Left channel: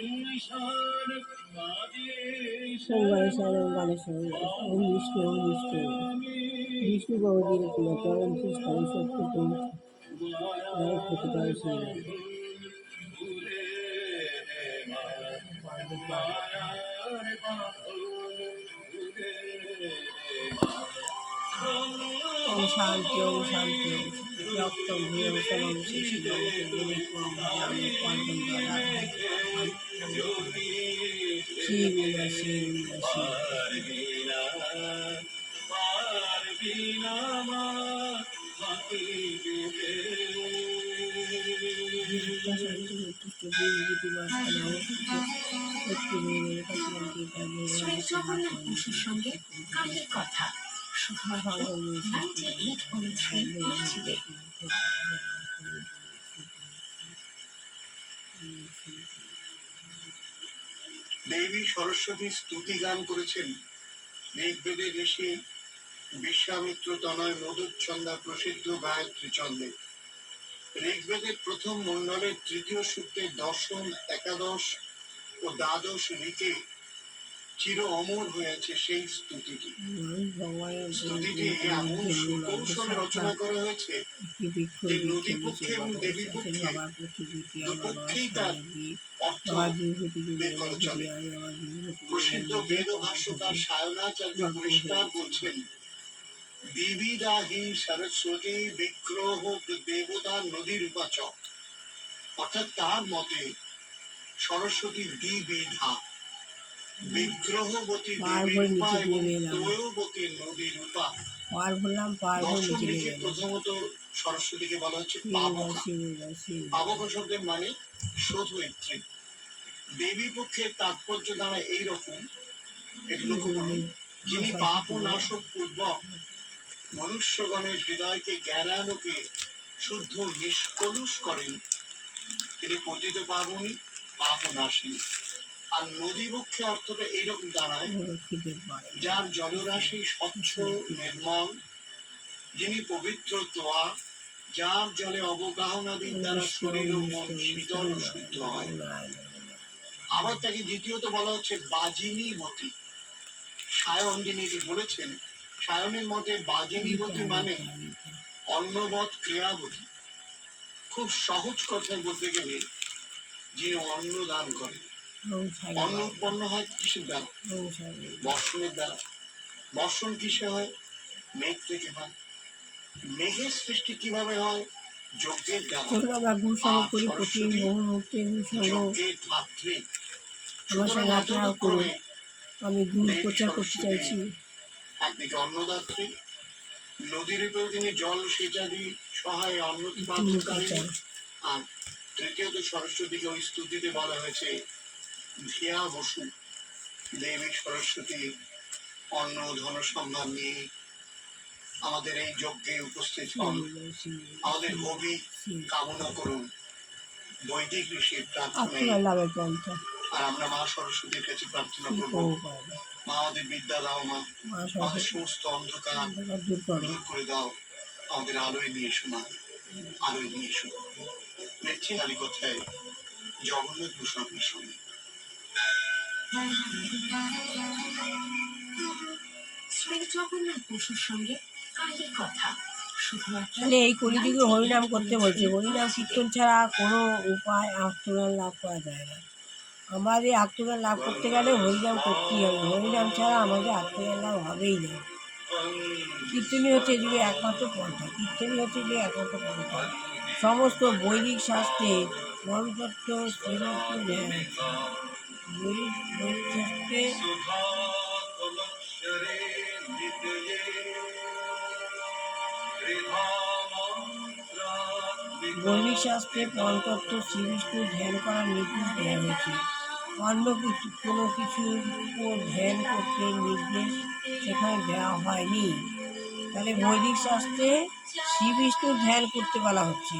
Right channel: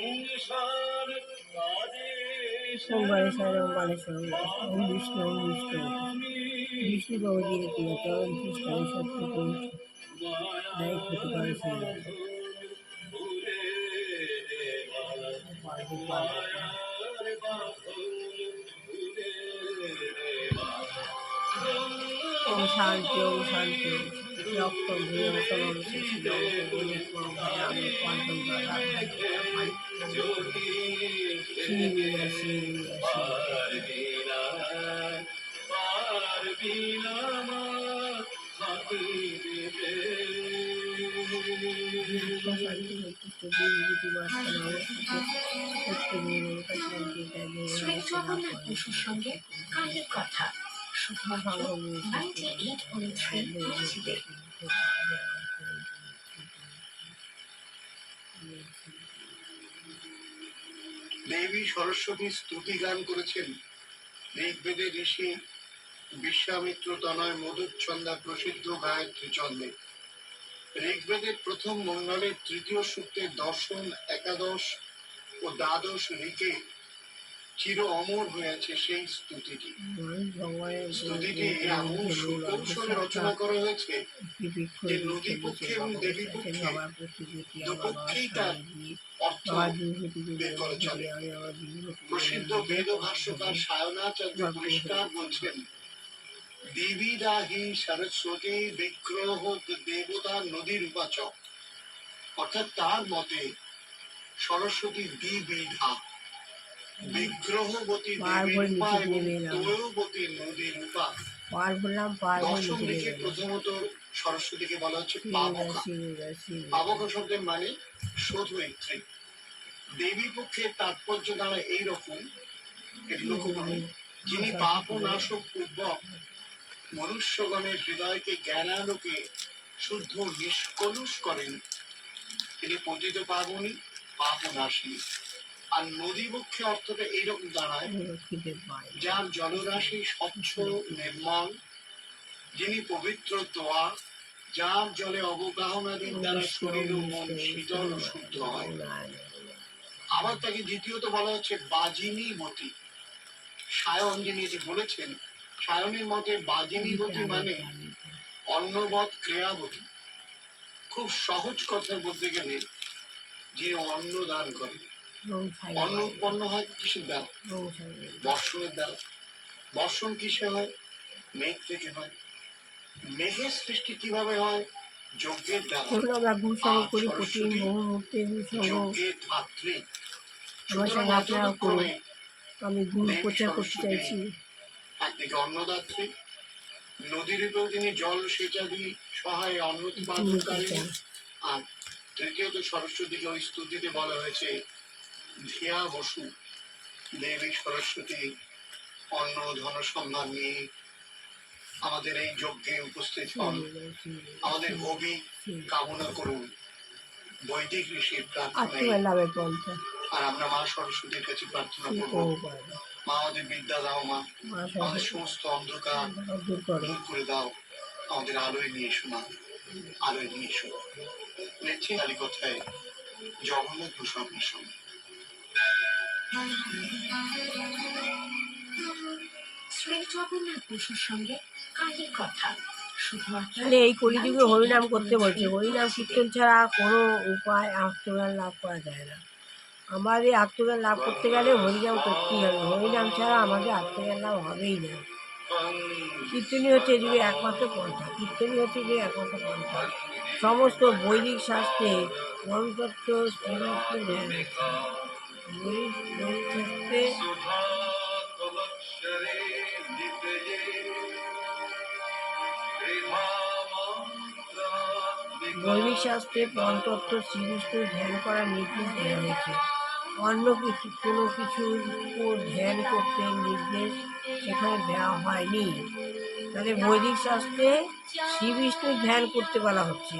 ওম গণেশায় ওম গণেশায় ওম বিষ্ণু ওম বিষ্ণু বিষ্ণু ভগবতীর কিনা চরণ তৃষ্ঠায় সত্য পুরুষ নাই ক্ষতিকর সেই ওম শান্তি ওম শান্তি রক্ত ভূম সলম শিশিলম গুণিকম ভজামি পদ্মম দদাভাই শিবিলা শিবিলা সঙ্গে কালের কথা শুধুমাত্র 98.3 পৃথিবী। দেবী সরস্বতী স্তুতি গান করেছেন ঋগ্বেদের ঋষি বিশ্বামিত্র তনয় মধুচ্ছন্দা প্রসিদ্ধ গায়ত্রী ছন্দে। ঋগ্বেদের প্রথম মণ্ডলের তৃতীয় সূক্তের দশম, একাদশ ও দ্বাদশ ঋকে চির অমর হয়েছে সেই স্তুতিটি। স্তুতিটি এমন সুকৌশলে রচনা করা হয়েছে যে নদী পক্ষে এবং দেবী পক্ষে দুপক্ষেই তার অর্থ বের করা চলে। প্রসিদ্ধ বেদ ভাষ্যকার সায়নাচার্য পরিষ্কার বলছেন, দেবীরা হি সরস্বতী বিগ্রহ দেবতা নদীর উপাচক। অর্থাৎ তার মতে সরস্বতী দ্বিবিধা, বিগ্রহবতী দেবী রূপা এবং তৈবতী নদীর রূপা। দশম ঋকে প্রথমত সরস্বতীকে বলা হচ্ছে পাবকা। পাবকা শব্দের মানে শোধয়িত্রী। দেবী পক্ষের তাৎপর্য দ্বারা এইরকম, এটি লক্ষ্য করুন, যিনি পাপ ও নাশক পূর্বক মনুষ্যগণের হৃদয়কে জ্ঞানালোকে শুদ্ধ নিষ্কলুষ করেন, তিনি পতিত পাবনী, পাপ নাশিনী। আর নদী পক্ষে অর্থটা এইরকম দাঁড়ায়, যার জলরাশি স্বচ্ছ নির্মল, যিনি পবিত্র তোয়া, যার জলে অবগাহনাদির দ্বারা শরীর ও মন শীতল ও শুদ্ধ হয়। আবার তাকে দ্বিতীয়ত বলা হচ্ছে বাজিনীবতী। সায়ন যিনি এটি বলেছেন, সায়নের মতে বাজিনীবতী মানে অন্নবৎ ক্রিয়াবতী। খুব সহজ কথায় বলতে গেলে যিনি অন্ন দান করেন। অন্ন উৎপন্ন হয় কিসের দ্বারা? বর্ষণের দ্বারা। বর্ষণ কিসে হয়? মেঘ থেকে হয়। মেঘের সৃষ্টি কিভাবে হয়? যজ্ঞের দ্বারা। যজ্ঞের ধাত্রী। আমি গুড় প্রচার করতে চাইছি। একদিকে অন্নদাত্রী, নদীর উপর তিনি জল সেচাদি সহায় অন্ন উৎপাদনকারী। আর তৃতীয়ত সরস্বতীকে ওই স্তুতিতে বলা হয়েছে ধিয়া বসু। দেবী সরস্বতী অন্ন ধন সম্মান নিয়ে আমাদের এই যজ্ঞে উপস্থিত হন। আমাদের হবি কামনা করুন বৈদিক ঋষির প্রার্থনায়। আর আমরা মা সরস্বতীর কাছে প্রার্থনা করব, মা আমাদের বিদ্যা দাও, মা আমাদের সমস্ত অন্ধকার দূর করে দাও, আমাদের আলোয় নিয়ে এসো, মা আলোয় নিয়ে এসো। দেখছি খালি কথায় জগন্নাথ বসু আপনার সঙ্গে। শ্রী জগন্নাথ বসুর সঙ্গে কালের কথা। এই কলিযুগে হরিনাম করতে বলছে। হরিনাম কীর্তন ছাড়া কোনো উপায় আত্মজ্ঞান লাভ করা যায় না। আমাদের আত্মজ্ঞান লাভ করতে গেলে হরিনাম করতেই হবে। হরিনাম ছাড়া আমাদের আত্মজ্ঞান লাভ হবেই না। কীর্তনই হচ্ছে যুগে একমাত্র পন্থা। কীর্তনই হচ্ছে যে একমাত্র পন্থা। সমস্ত বৈদিক শাস্ত্রে মনতত্ত্ব বৈদিক শাস্ত্রে পঞ্চতত্ত্ব শ্রীবিষ্ণুর ধ্যান করার নির্দেশ দেওয়া হয়েছে। অন্য কোনো কিছুর উপর ধ্যান করতে নির্দেশ সেখানে দেওয়া হয়নি। তাহলে বৈদিক শাস্ত্রে শ্রীবিষ্ণুর ধ্যান করতে বলা হচ্ছে,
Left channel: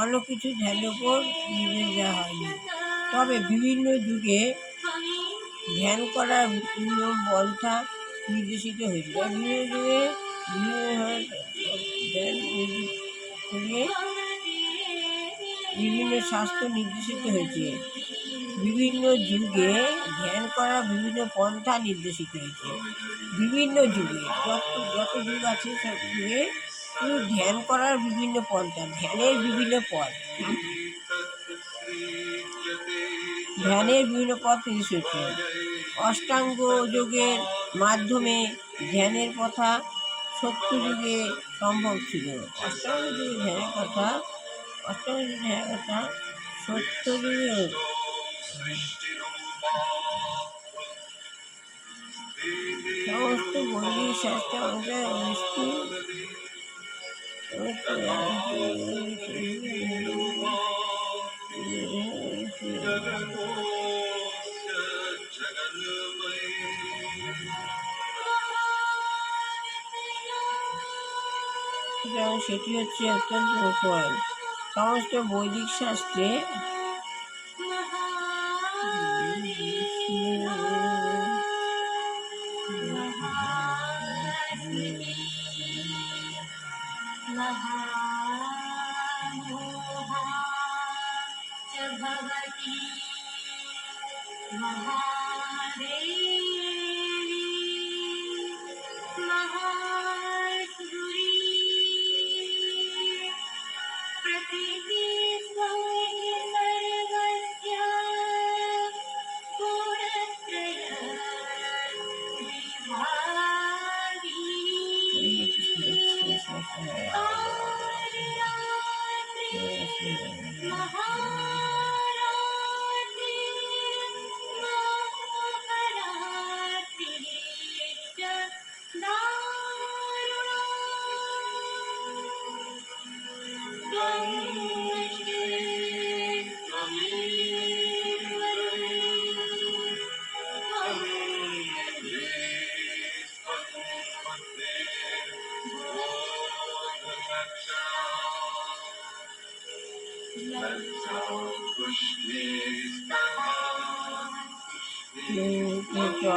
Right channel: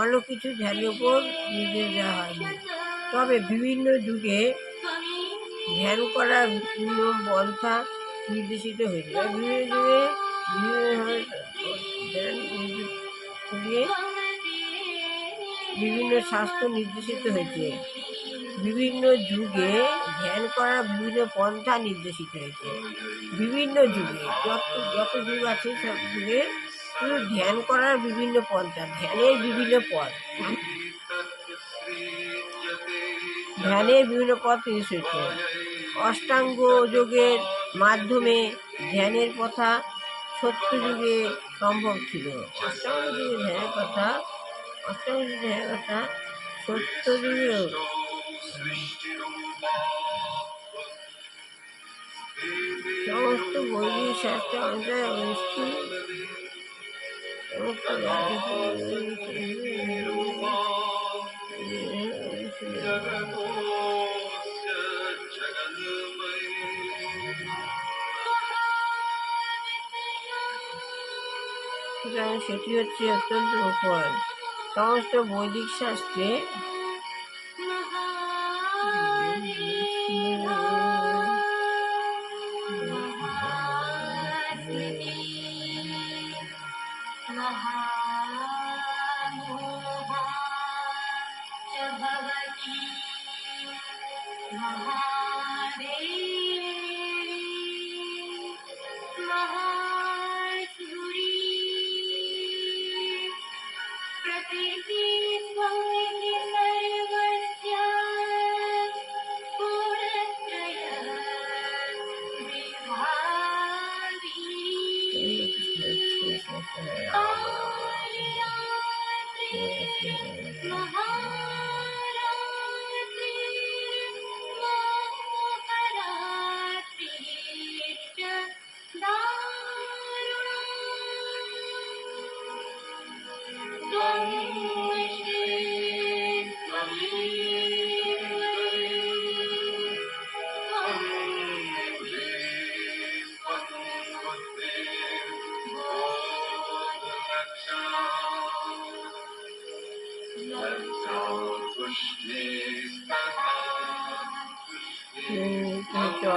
অন্য কিছু ধ্যানের উপর নির্দেশ দেওয়া হয়নি। তবে বিভিন্ন যুগে ধ্যান করার বিভিন্ন পন্থা নির্দেশিত হয়েছে। বিভিন্ন যুগে ধ্যান করিয়ে বিভিন্ন শাস্ত্র নির্দেশিত হয়েছে। বিভিন্ন যুগে ধ্যান করার বিভিন্ন পন্থা নির্দেশিত হয়েছে। বিভিন্ন যুগে যত যত যুগ আছে সব যুগে শুধু ধ্যান করার বিভিন্ন পন্থা, ধ্যানের বিভিন্ন পথ, ধ্যানের বিভিন্ন পথ নির্দেশিত হয়েছে। অষ্টাঙ্গ যোগের মাধ্যমে ধ্যানের কথা সত্য যুগে সম্ভব ছিল। অষ্টাঙ্গ যুগে ধ্যানের কথা সত্য যুগেও সমস্ত বৈদিক শাস্ত্র অনুযায়ী সুতরাং সেটি হচ্ছে অত্যন্ত গোপন। সমস্ত বৈদিক শাস্ত্রে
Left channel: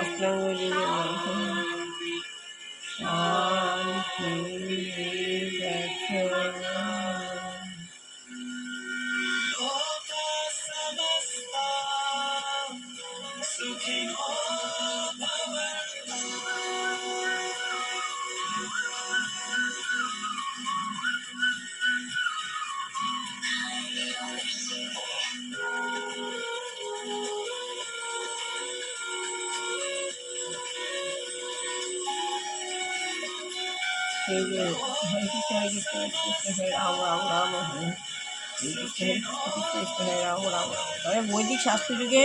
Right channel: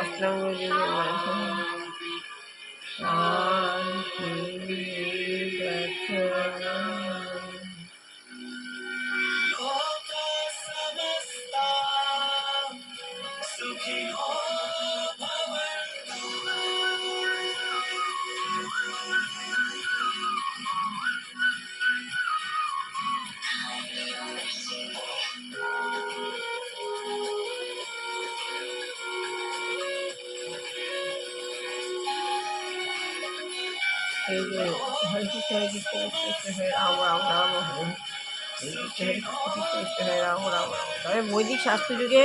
অষ্টাঙ্গ যুগের মাধ্যমে শান্তি এই যে হরে কৃষ্ণ হরে কৃষ্ণ কৃষ্ণ হরে রাম রাম রাম হরে কৃষ্ণ হরে রাম রাম রাম। তবে বৈদিক শাস্ত্র যুগে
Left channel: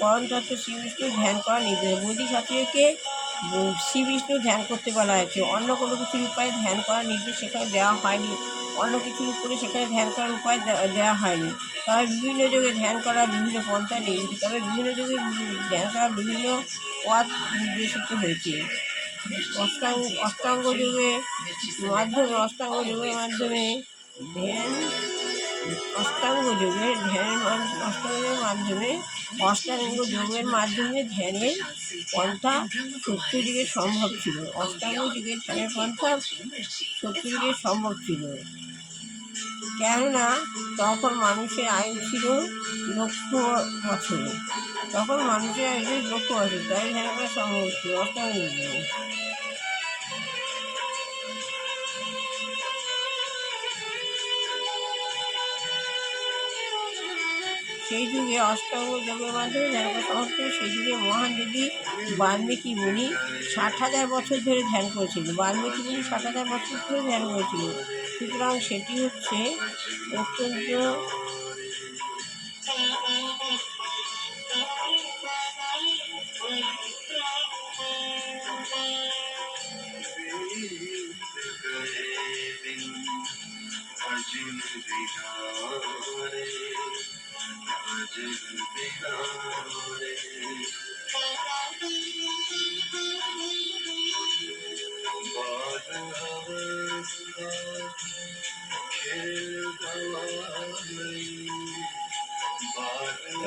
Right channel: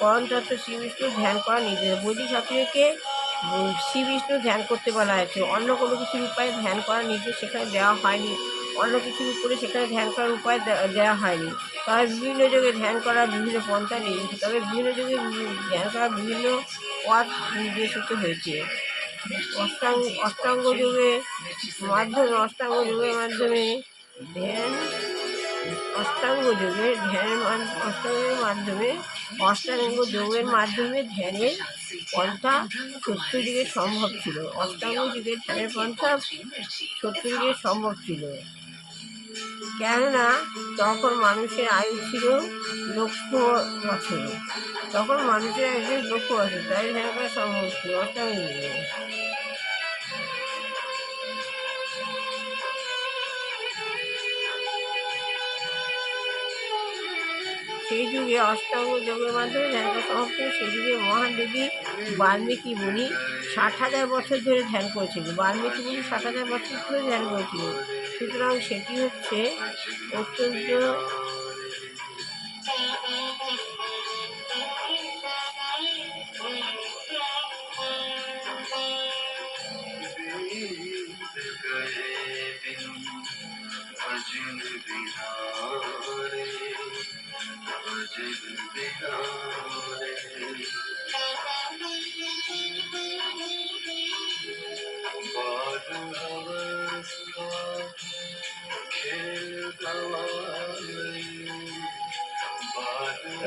পরম তত্ত্ব শ্রী বিষ্ণু ধ্যান করা নির্দেশ। বৈদিক শাস্ত্রকে শ্রী বিষ্ণু ধ্যান করতে বলা হয়েছে। অন্য কোনো কিছুর উপায়ে ধ্যান করার নির্দেশ সেখানে দেওয়া হয়নি। অন্য কিছুর উপরে সেখানে ধ্যান করার উপায় দেওয়া হয়নি। তবে বিভিন্ন যুগে ধ্যান করার বিভিন্ন পন্থা নির্দেশিত, তবে বিভিন্ন যুগে ধ্যান করার বিভিন্ন পথ নির্দেশিত হয়েছে। অষ্টাঙ্গ যুগের মাধ্যমে ধ্যান অষ্টাঙ্গ যোগের মাধ্যমে ধ্যানের পন্থা সত্য যুগে সম্ভব ছিল। অষ্টাঙ্গ যুগের ধ্যানের পন্থা সত্য যুগে সম্ভব ছিল, কেননা তখন মানুষের আয়ু ছিল লক্ষ বছর। তাই ধ্যান করা সম্ভব ছিল অষ্টাঙ্গ যুগে। সেই যুগে অষ্টাঙ্গ যোগের মাধ্যমে ধ্যান করা সম্ভব ছিল। সেই যুগে মহান যোগী বাল্মীকি মুনি 60,000 বছর ধরে ধ্যান করেছিল। সুতরাং সেটি হচ্ছে অত্যন্ত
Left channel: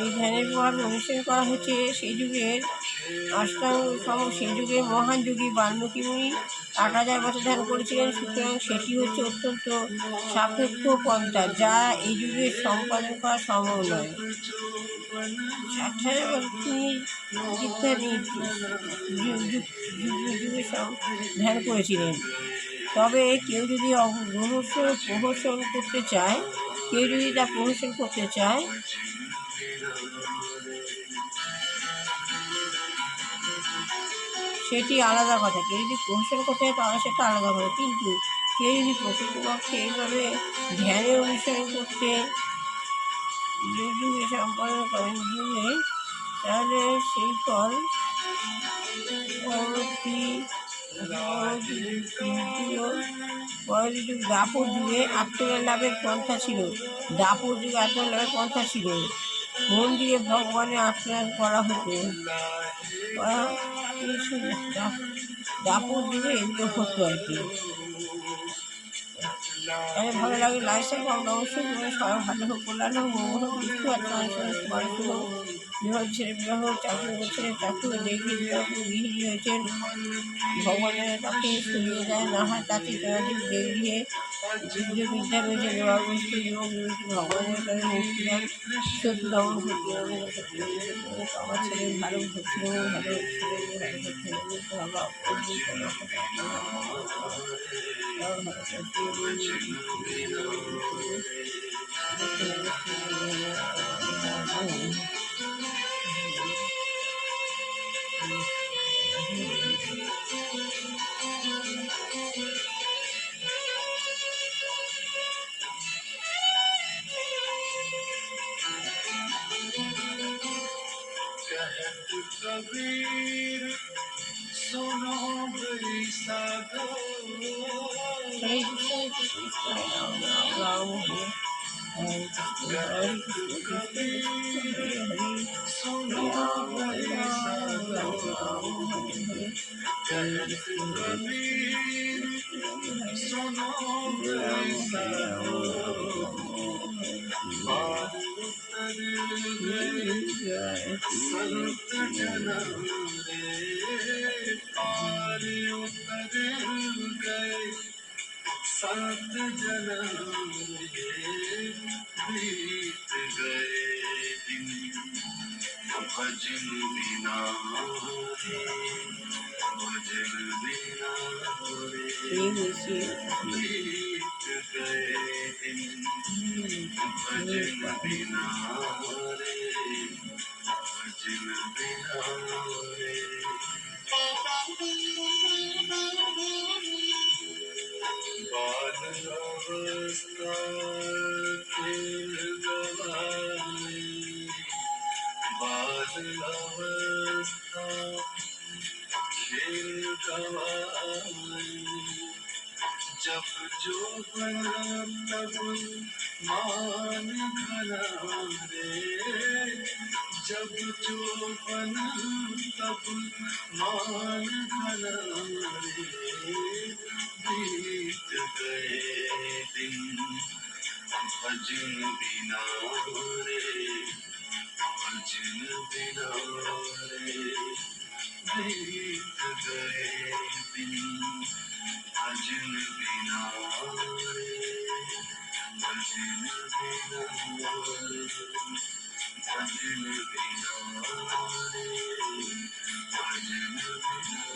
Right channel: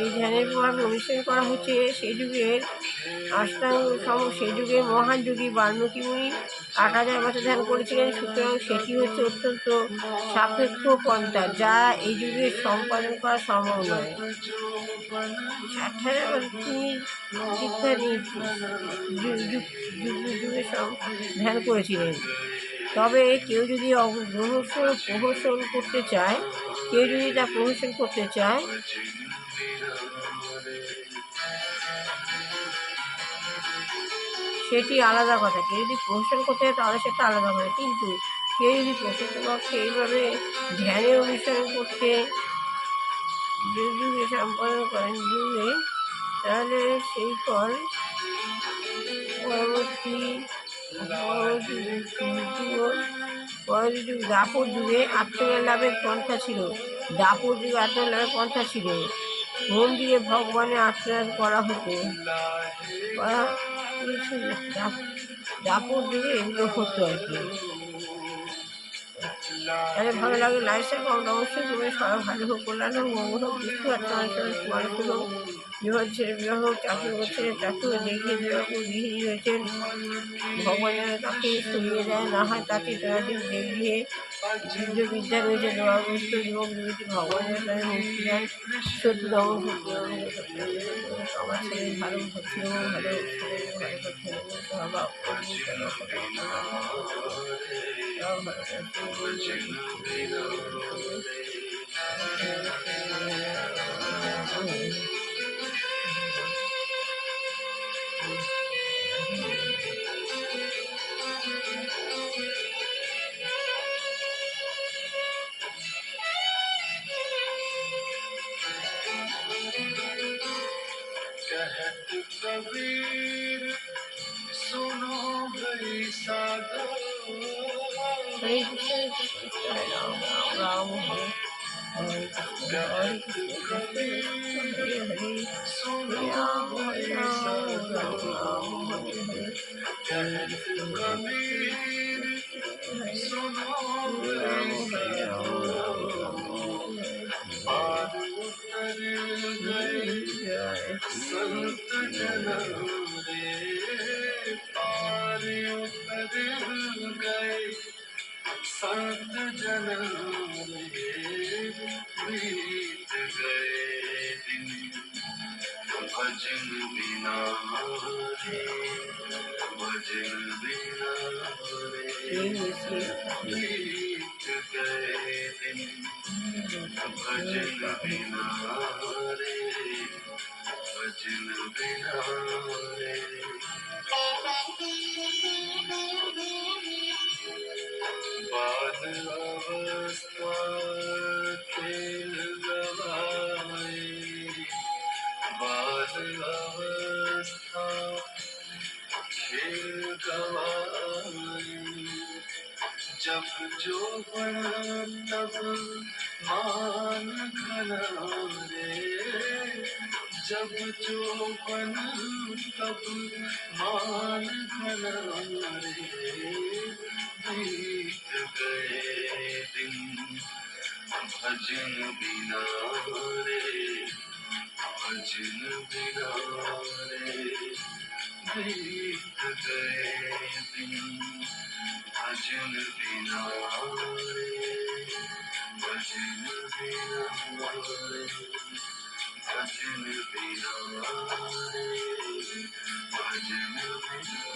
এই ধ্যানের প্রভাব অনুসরণ করা হচ্ছে। সেই যুগের মহান যোগী বাল্মীকি মুনি 8,000 বছর ধ্যান করেছিলেন। সুতরাং সেটি হচ্ছে অত্যন্ত সাপেক্ষ পন্থা, যা এই যুগে সম্পাদন করা সম্ভব নয়। 8,000 বছর তিনি দীক্ষা যুগে ধ্যান করেছিলেন। তবে কেউ যদি প্রহসন করতে চায়, সেটি আলাদা কথা। কেউ যদি প্রহসন করতে চায় তাহলে সেটা আলাদা কথা। কিন্তু কেউ যদি প্রকৃতপক্ষে এইভাবে ধ্যানে অনুসরণ করতে যুগে সম্পাদন করেন তাহলে সেই ফল পরবর্তী দাপর যুগে আত্মজ্ঞান লাভের পন্থা ছিল। মন্দিরে ভগবানের আত্মজ্ঞান করা হতো। দাপর যুগে এগুলো হতো আর কি। তাহলে ভালো লাগে, লাইফস্টাইল কম অবশ্যই তোমার সবাই ভালো হোক, কল্যাণ হোক, মঙ্গল হোক, বুঝতে পারছো মানুষ হোক, বিবাহ ছেলে বিবাহ হোক, চাকরি করছে চাকরি দেখিয়ে বিবাহ গৃহিণী হয়েছেন, ভগবানের তাকে সরিয়ে দেয় না হয় তাতে জনাদিন দেখিয়ে যুদ্ধবিদ্যা রয়েছে, বিবাহগ্রস্ত যুবক যুবতী ভগবানের তাদের মুক্তি দেন। সত্যি দমন আমার ছেলে ভালো ছিল, ভালো ছেলে ভালো कबीर सुनो गई साधो हरे कृष्ण हरे राम राम राम हरे कृष्ण हरे कृष्ण हरे हरे सुनो हरे राम राम राम हरे हरे कबीर सुनो गई साधो पार उतर गए संत जन रे, पार उतर गए संत जन रे, बीत गए दिन भजन बिना रे, भजन बिना रे, बीत गए दिन भजन बिना रे, भजन बिना रे। बाल अवस्था खेल गवाए, बाल अवस्था खेल गवाए, जब जो तब मान घना रे, जब जो तब मान घना रे, बीत गए दिन भजन बिना रे, भजन बिना रे, बीत गए दिन भजन बिना रे, भजन बिना रे, भजन बिना रे, भजन बिना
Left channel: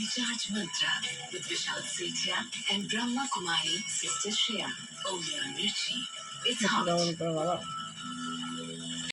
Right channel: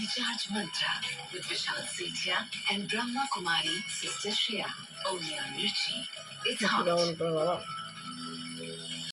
Recharge Mantra with Vishal Sethia and Brahma Kumari, Sister Shreya. Only on Mirchi. It's hot.